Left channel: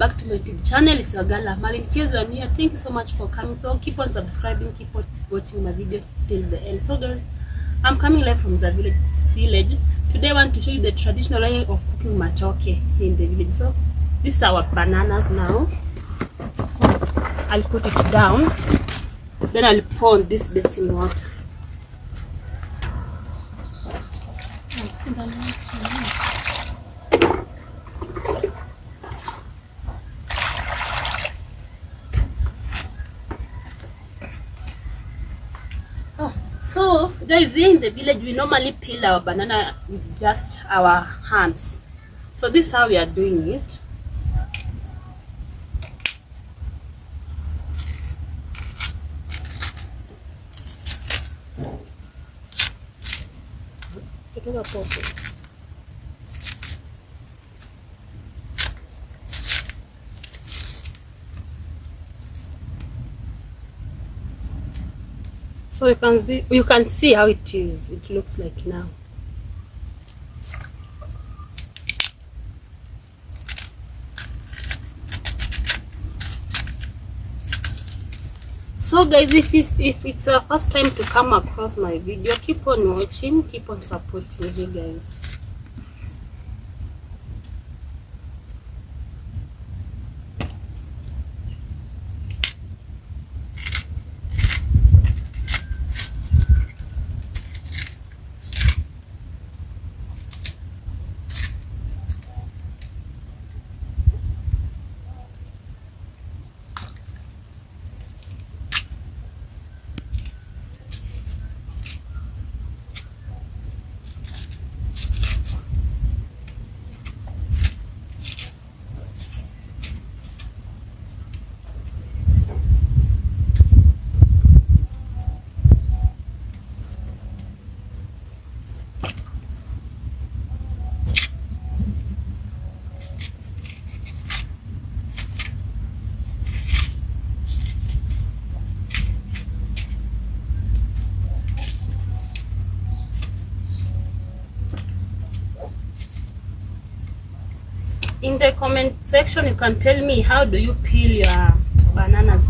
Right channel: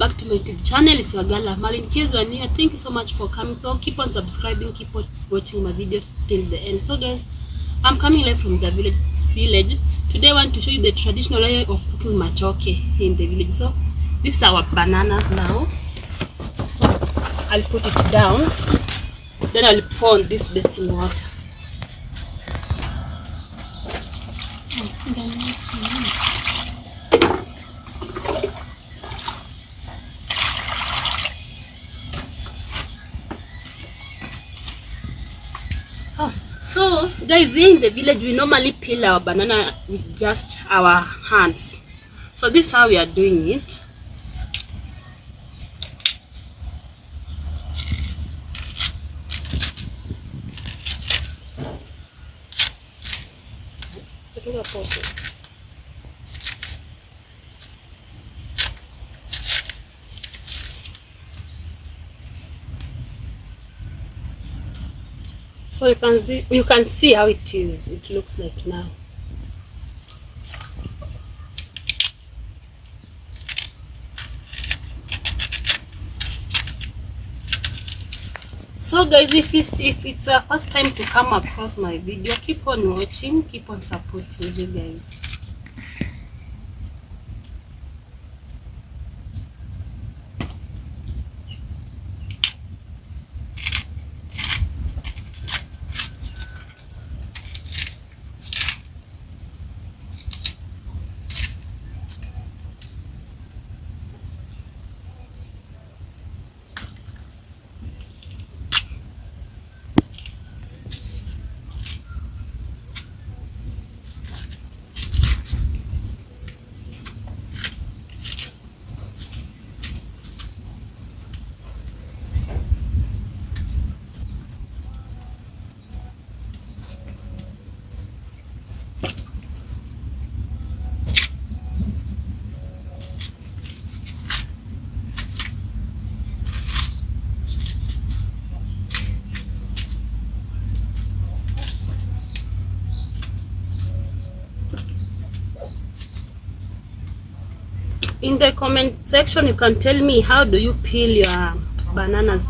back to my YouTube channel. It's your girl Amal. In case you're new, thank you so much for coming. So keep on subscribing, keep on watching my videos till the end. So guys, I'm coming live from the village. Today I want to show you the traditional way of cooking matoke in the village. So this is our bananas now. So I'll put it down, then I'll pour on this basin water. So guys, here in the village we normally peel our banana with just our hands. So this is how we are doing it. So you can see how it is. It looks like now. So guys, if it's your first time to come across my video, keep on watching, keep on supporting me guys. In the comment section, you can tell me how do you peel your bananas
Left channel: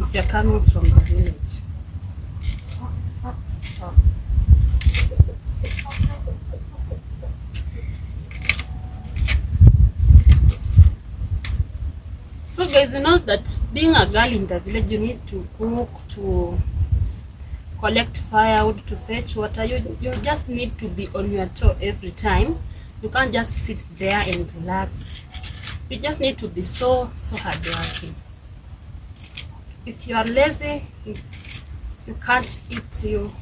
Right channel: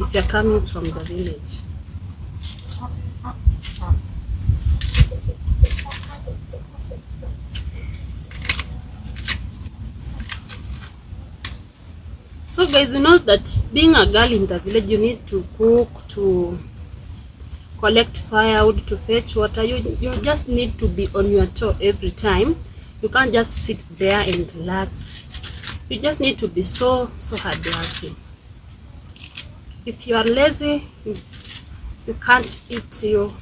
if you're coming from the village. So guys, you know that being a girl in the village, you need to cook, to collect firewood, to fetch water. You just need to be on your toe every time. You can't just sit there and relax. You just need to be so hardworking. If you are lazy, you can't eat you.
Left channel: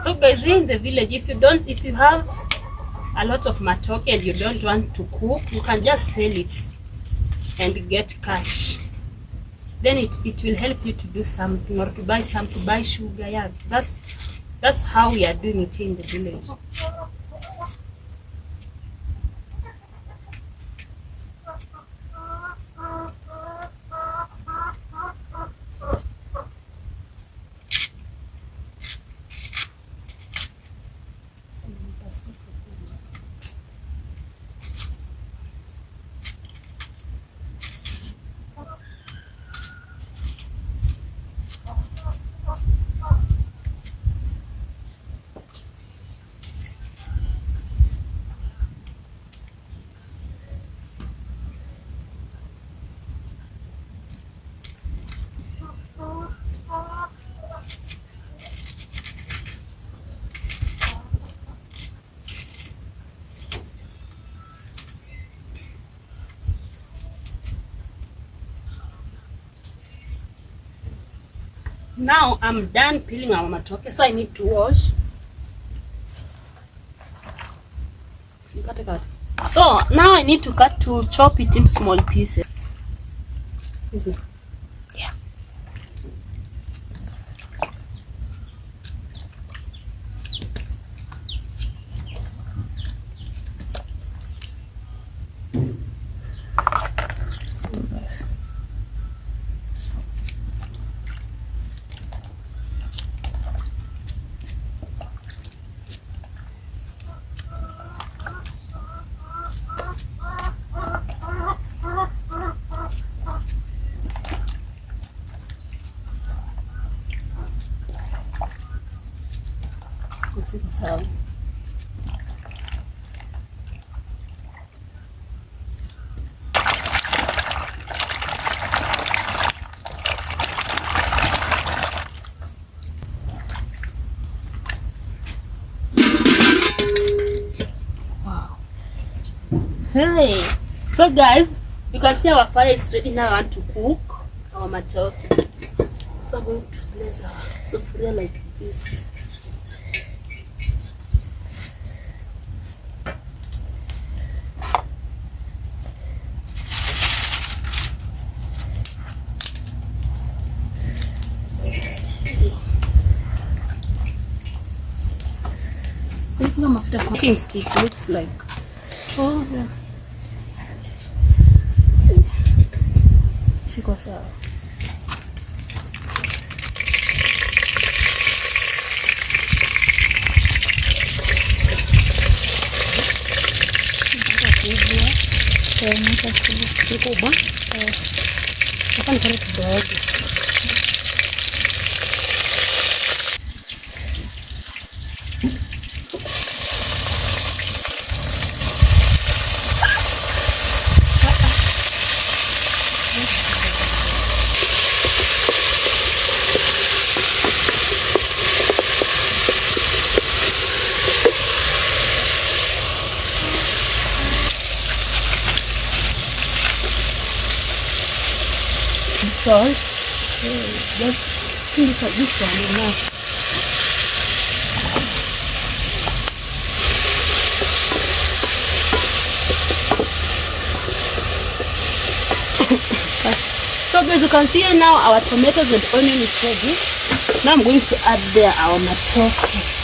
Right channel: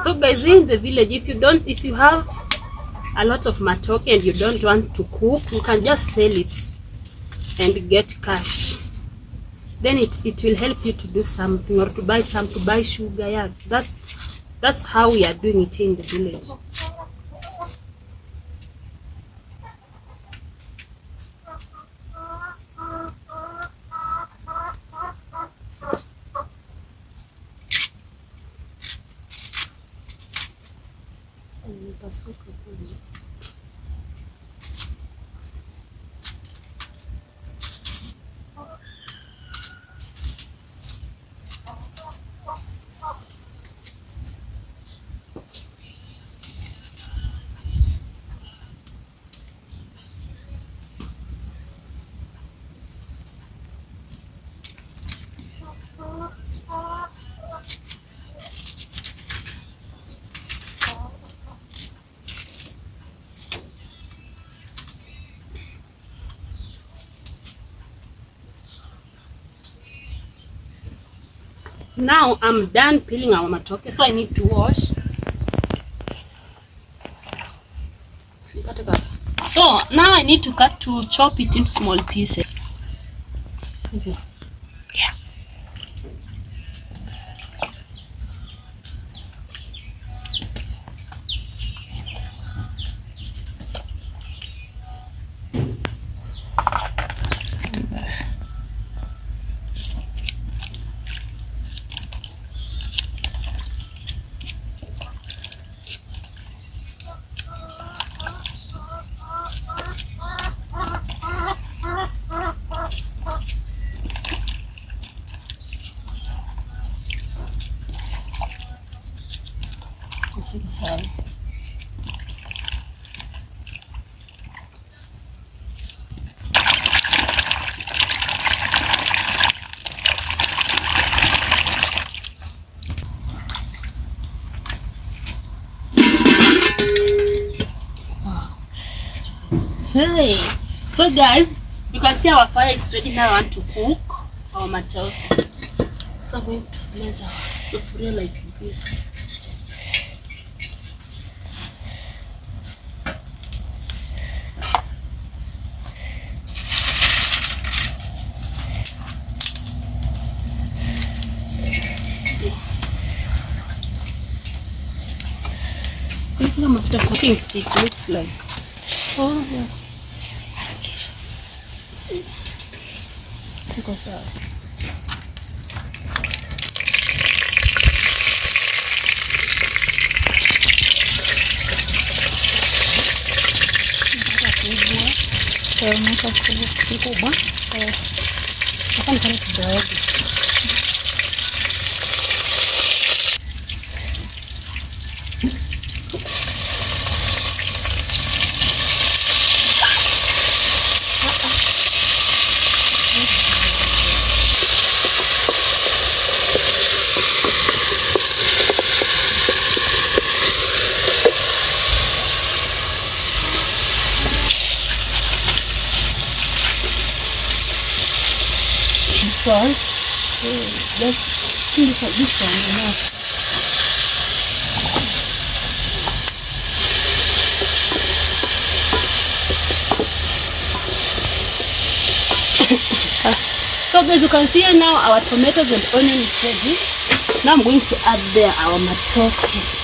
So guys, in the village, if you have a lot of matoke and you don't want to cook, you can just sell it and get cash. Then it will help you to do something, or to buy sugar. Yeah, that's how we are doing it in the village. Now I'm done peeling our matoke, so I need to wash. So now I need to chop it into small pieces. Okay. Yeah. Wow. Hey, so guys, you can see our fire is ready now. I want to cook our matoke. So I'm going to place our sufuria like this. Mafuta cooking stick looks like. Oh, yeah. Siko sawa. Kubwa. Hapa ni kale kidogo. Salt. Just this one enough. So as you can see here now, our tomatoes and onion is ready. Now I'm going to add there our matoke.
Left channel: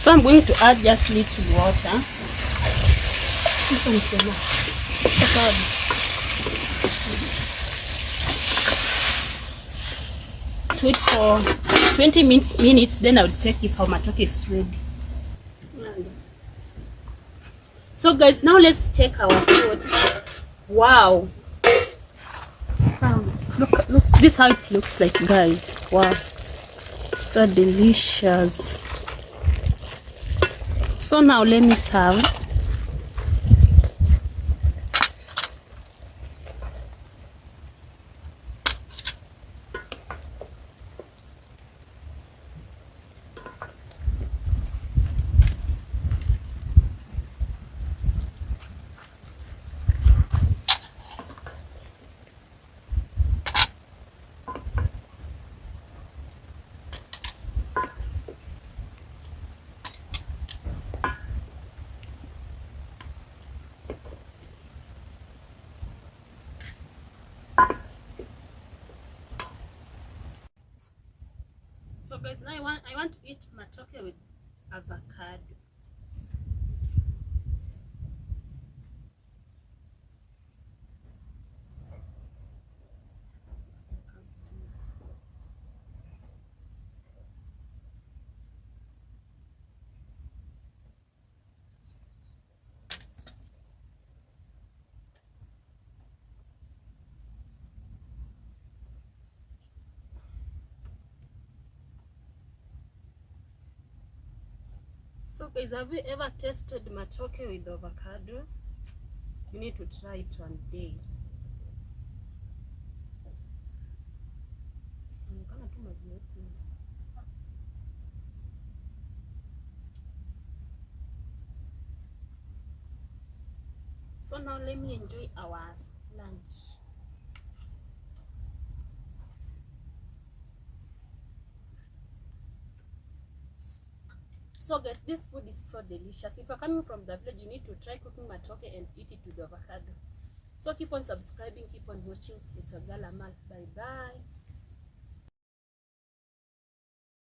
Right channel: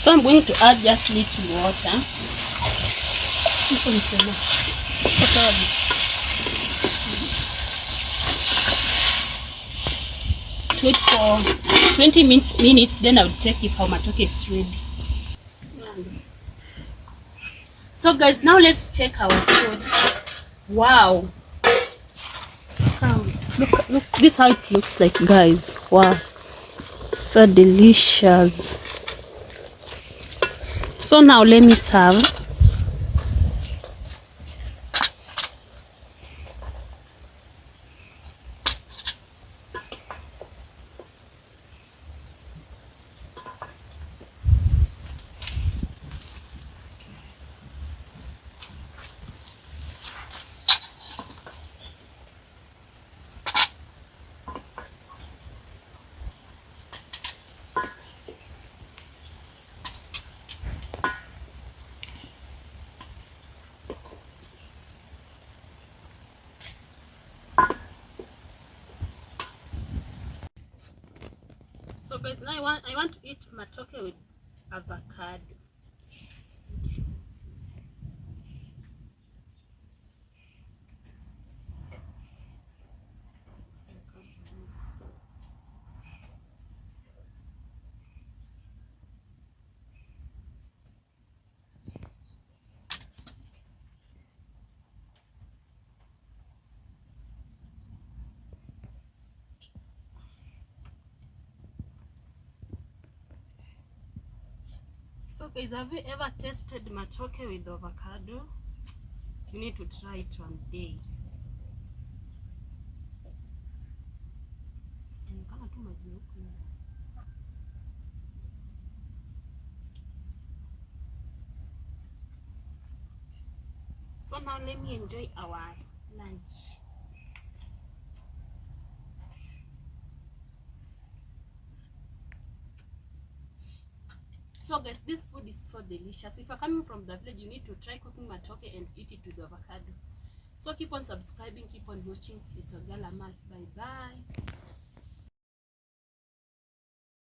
So I'm going to add just little water. Wait for 20 minutes, then I'll check if our matoke is ready. So guys, now let's check our food. Wow. Look, this is how it looks like, guys. Wow. So delicious. So now let me serve. So guys, now I want to eat matoke with avocado. So guys, have you ever tasted matoke with avocado? You need to try it one day. So now let me enjoy our lunch. So guys, this food is so delicious. If you're coming from the village, you need to try cooking matoke and eat it with avocado. So keep on subscribing, keep on watching. It's your girl Amal. Bye bye.